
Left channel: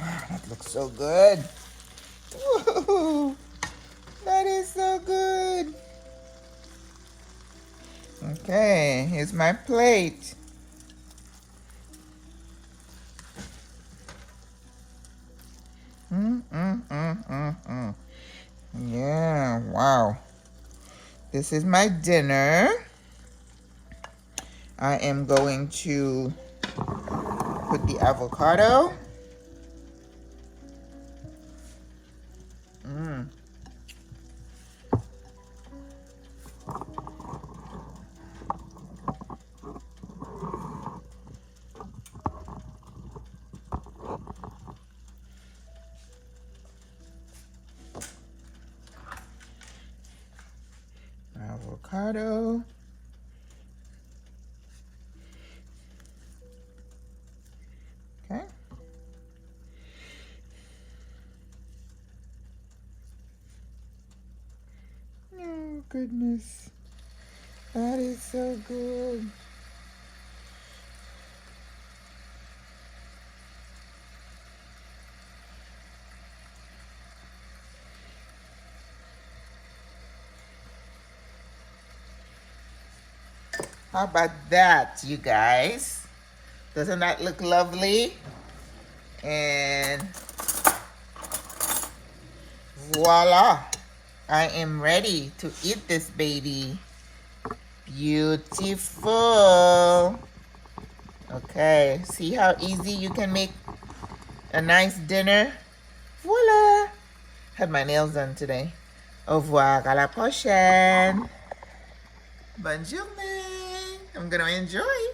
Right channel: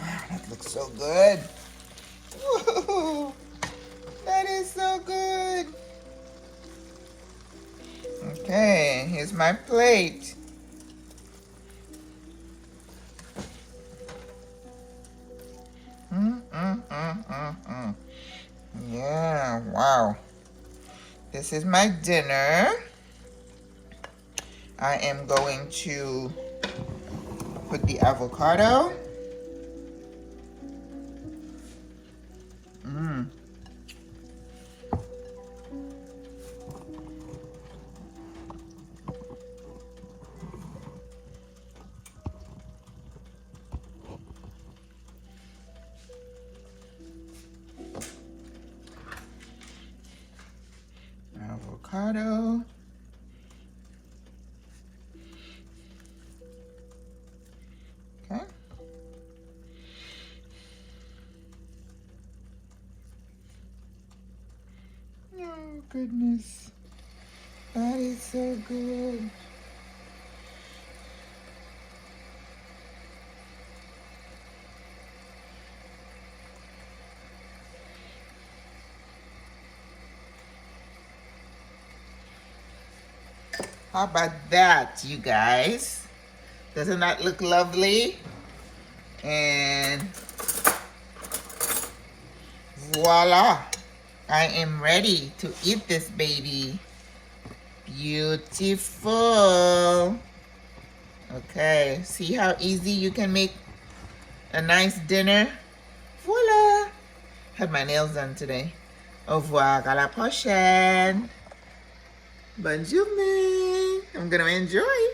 Wow, that looks so good. Woo-hoo-hoo. That is so good. Okay, here's my plate. Yeah, wow. This is my dinner. I am going to put the avocado. Avocado. Okay. Oh goodness. That is so good. How about that, you guys? Doesn't that look lovely? And Voila. I am ready to eat this baby. Beautiful. Okay, see how easy you can make a nice dinner? Voila. Had my nails done today. Au revoir, à la prochaine. Bonne journée. I'm gonna enjoy.